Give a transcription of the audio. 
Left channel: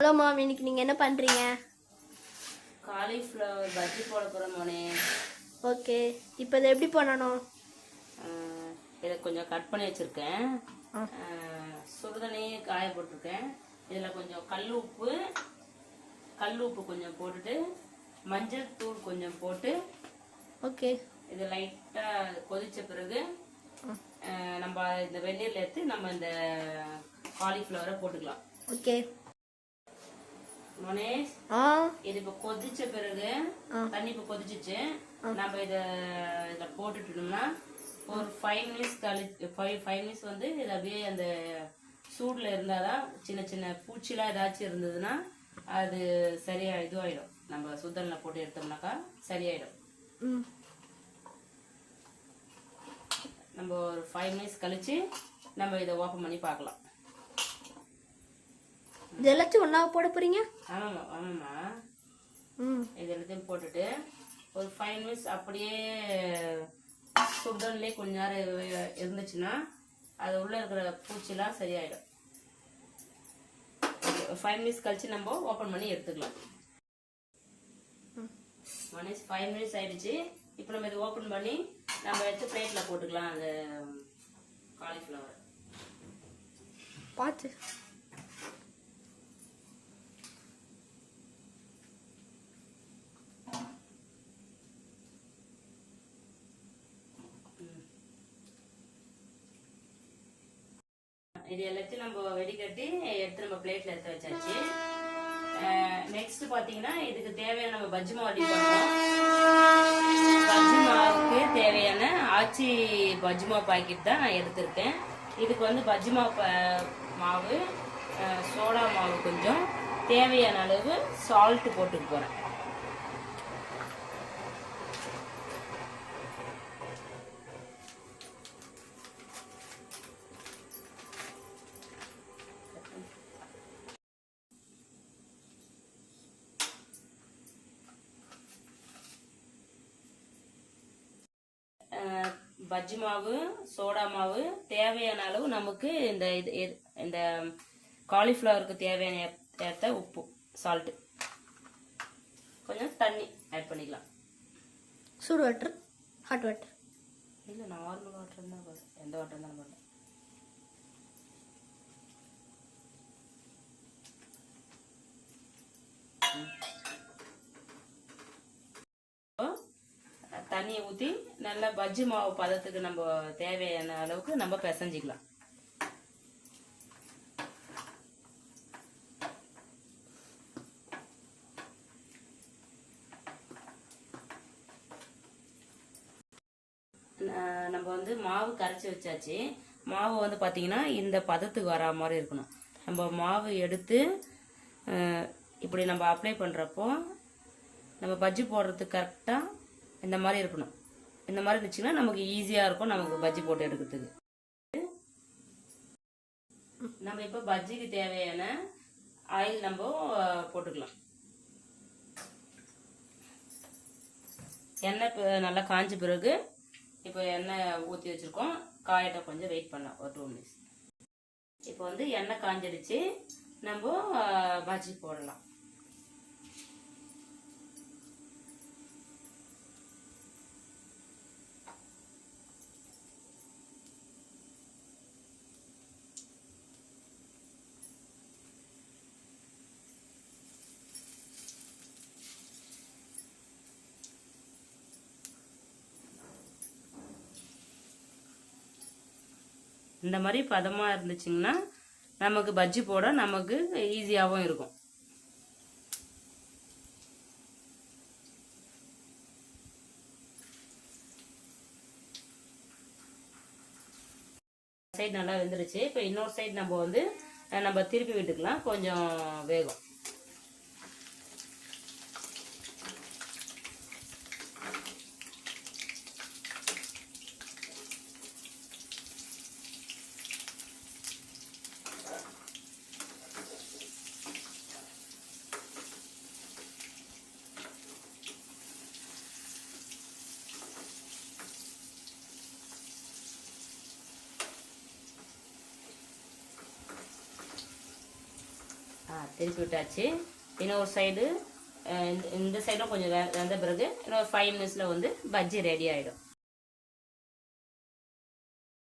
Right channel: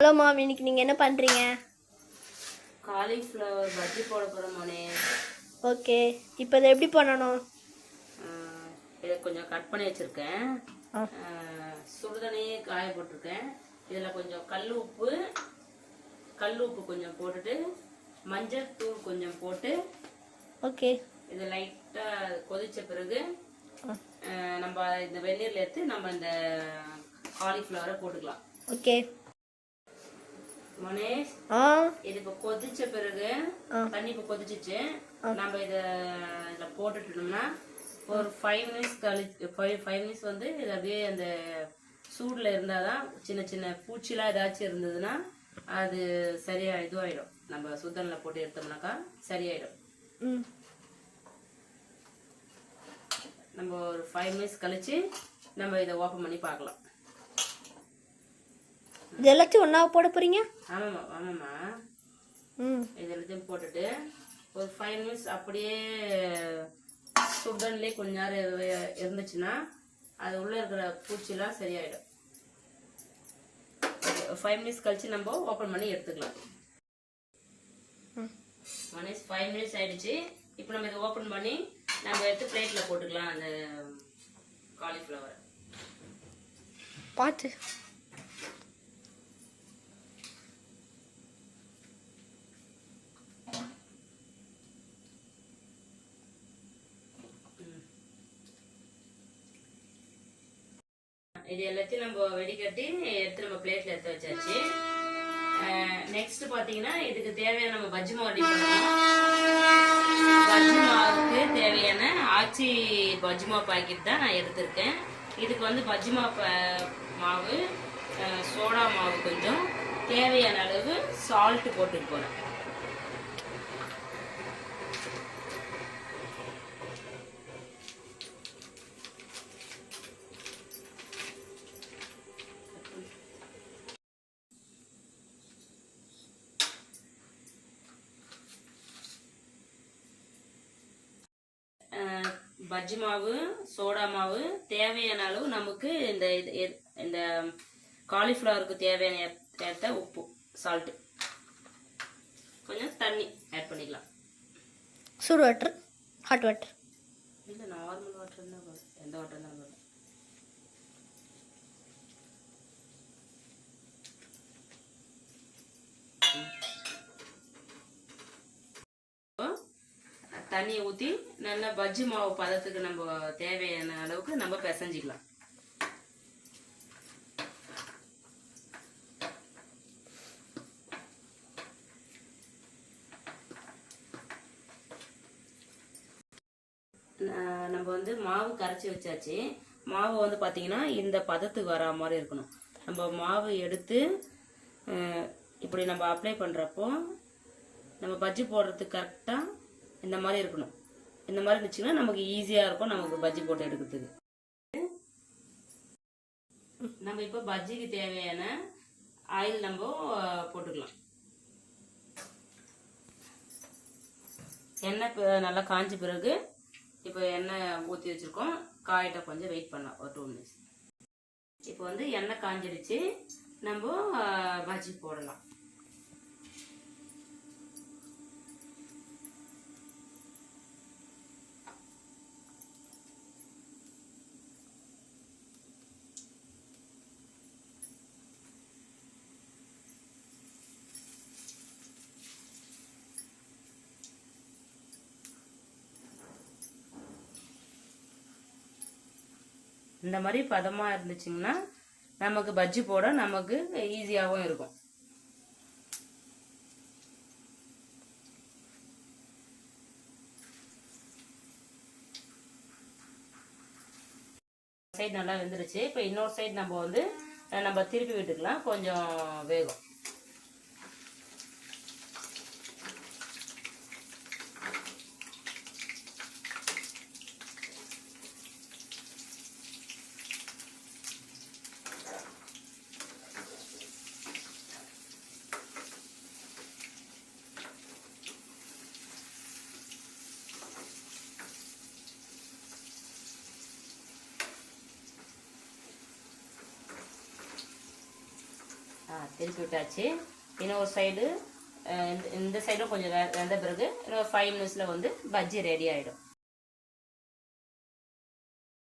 Hello ma'am, இன்னைக்கு நீங்கள் என்ன பண்ணுறீங்க? காலிஃப்ளவர் பஜ்ஜி போட போகிறோம் மோனே. ஓகே, இப்போ இதை எப்படி பண்ணணும்? இதை கொஞ்சம் கட் பண்ணி வச்சுருக்கேன். சுடுதண்ணி காய போட்டிருக்கேன். இதில் கொஞ்சம் கல் உப்பு கொஞ்சம் போட்டுட்டு மஞ்சள் தூள் கொஞ்சம் போட்டு ஓகே, இது லைட்டாக கொதித்த பிறகு நம்ம இந்த வெந்நீரில் எடுத்து நம்ம இந்த காலிஃப்ளவரை போட்டுக்கலாம். ஓகே மனேஷ், இது இப்ப கொதிச்ச பிறகு தண்ணி இப்ப கொதிச்சிச்சு. நம்ம இத போட்டுட்டோம்னா ஒரு 5 மினிட்ஸ் கழிச்சு 5 மினிட்ஸ் வந்து இது அப்படியே அந்த சூடுல இருந்தாதான் சின்ன சின்ன பூச்சிலாம் ஏதாச்சும் இருந்ததுன்னா அது சரியா இதுவாயிடும். நம்ம சுத்தனில் போட்டு எடுத்தோம்னாக்கா சரியாயிடும். நம்ம ஒரு 5 மினிட்ஸ் கழிச்சு நம்ம இதை ஓப்பன் பண்ணி பார்க்கலாம். இது எல்லாத்தையும் ஒன்றா போட போகிறீங்க? ஆமாம்மா. இது எல்லாத்தையும் போட்டுட்டு ஒரு 5 மினிட்ஸ் அப்படியே சுடுதண்ணிலே கொஞ்ச நேரம் இருந்துச்சுன்னா அது உள்ளே இருக்கிற பூச்சிலாம் சரியாயிடும். 5 மினிட்ஸ் கழிச்சு நம்ம ஓப்பன் பண்ணி எடுத்துக்கலாம். 5 மினிட்ஸ் ஆயிடுச்சு. இப்போ நம்ம இதை ஓப்பன் பண்ணி நம்ம எடுத்து பிளேட்டில் போட்டுக்கலாம். அந்த காலிஃப்ளவர் பார்த்து இது எல்லாத்தையும் நம்ம வெடிக்கட்டி எடுத்து நம்ம பிளேட்ல எடுத்து வச்சாச்சு. நெக்ஸ்ட் பாத்தீங்கன்னா இதுக்கு தேவையான நம்ம பஜ்ஜி மாவு ரெடி பண்ணலாம். பஜ்ஜி மாவுக்கு தேவையான ஆச்சி பஜ்ஜி மாவு பாக்கெட் தான் நான் எடுத்திருக்கேன். இதுக்கு வந்து பஜ்ஜி மாவு சோடா மாவு கொஞ்சம் தேவையான அளவு சால்ட் போட்டுட்டு போறேன். பஜ்ஜி மாவு சோடா மாவு தேவையான அளவு நமக்கு இந்த காலிஃப்ளவருக்கு தேவையான ஏற்ற உப்பு சால்ட் கொஞ்சம் தண்ணி ஆட் பண்ணிக்கலாம். சுடு வாட்டர், ஹாட் வாட்டர் இல்லை, நார்மல் வாட்டர் தான் போதும். எந்த வாட்டர் தான் போதும். தண்ணியை ஊற்றி நல்லா பஜ்ஜி மாவு பதத்துக்கு நம்ம தேவையான அளவுக்கு நம்ம பிசைஞ்சிக்கலாம். நம்ம வந்து மாவு கரைச்சி வச்சாச்சு. மாவு வந்து பார்த்தீங்கன்னா இந்த பதத்துக்கு வர மாதிரி இருக்கணும். நம்ம மாவு எடுத்து இப்படி நம்ம அப்ளை பண்ணுறப்போ நம்ம பஜ்ஜி போடுறதுக்கு கரெக்டாக இந்த மாதிரி இருக்கணும். இந்த மாதிரி இருந்துச்சுன்னா நமக்கு ஈஸியாக இருக்கும் நமக்கு பஜ்ஜி போட்டு எடுக்கிறதுக்கு. நம்ம இப்போ பஜ்ஜிக்கு தேவையான ஆயில் நம்ம போட்டுக்கலாம். எண்ணெய் நல்லா காஞ்ச பிறகு இப்போ எண்ணெய் ஊற்றி வச்சுருக்கோம். காயிட்ட கொஞ்சம் வெயிட் பண்ணலாம் ஒரு 2 மினிட்ஸ். இப்போ வந்து எண்ணெய் காஞ்சிடுச்சு. நம்ம பஜ்ஜி போடலாம். இந்த மாதிரி பதமா இருந்துச்சுங்கன்னா நமக்கு பஜ்ஜி போட நமக்கு ஈஸியாகவும் இருக்கும். சைடு நல்லா வெந்துருச்சு. இப்போ இன்னொரு சைடு நம்ம திருப்பி விட்டுக்கலாம், கொஞ்சம் வேகும். திருப்பி விட்டாச்சு. இன்னொரு சைடு இந்த சைடும் கொஞ்சம் வெந்த பிறகு இன்னொரு 5 மினிட்ஸில் வந்து பஜ்ஜி ரெடி ஆகிடும்.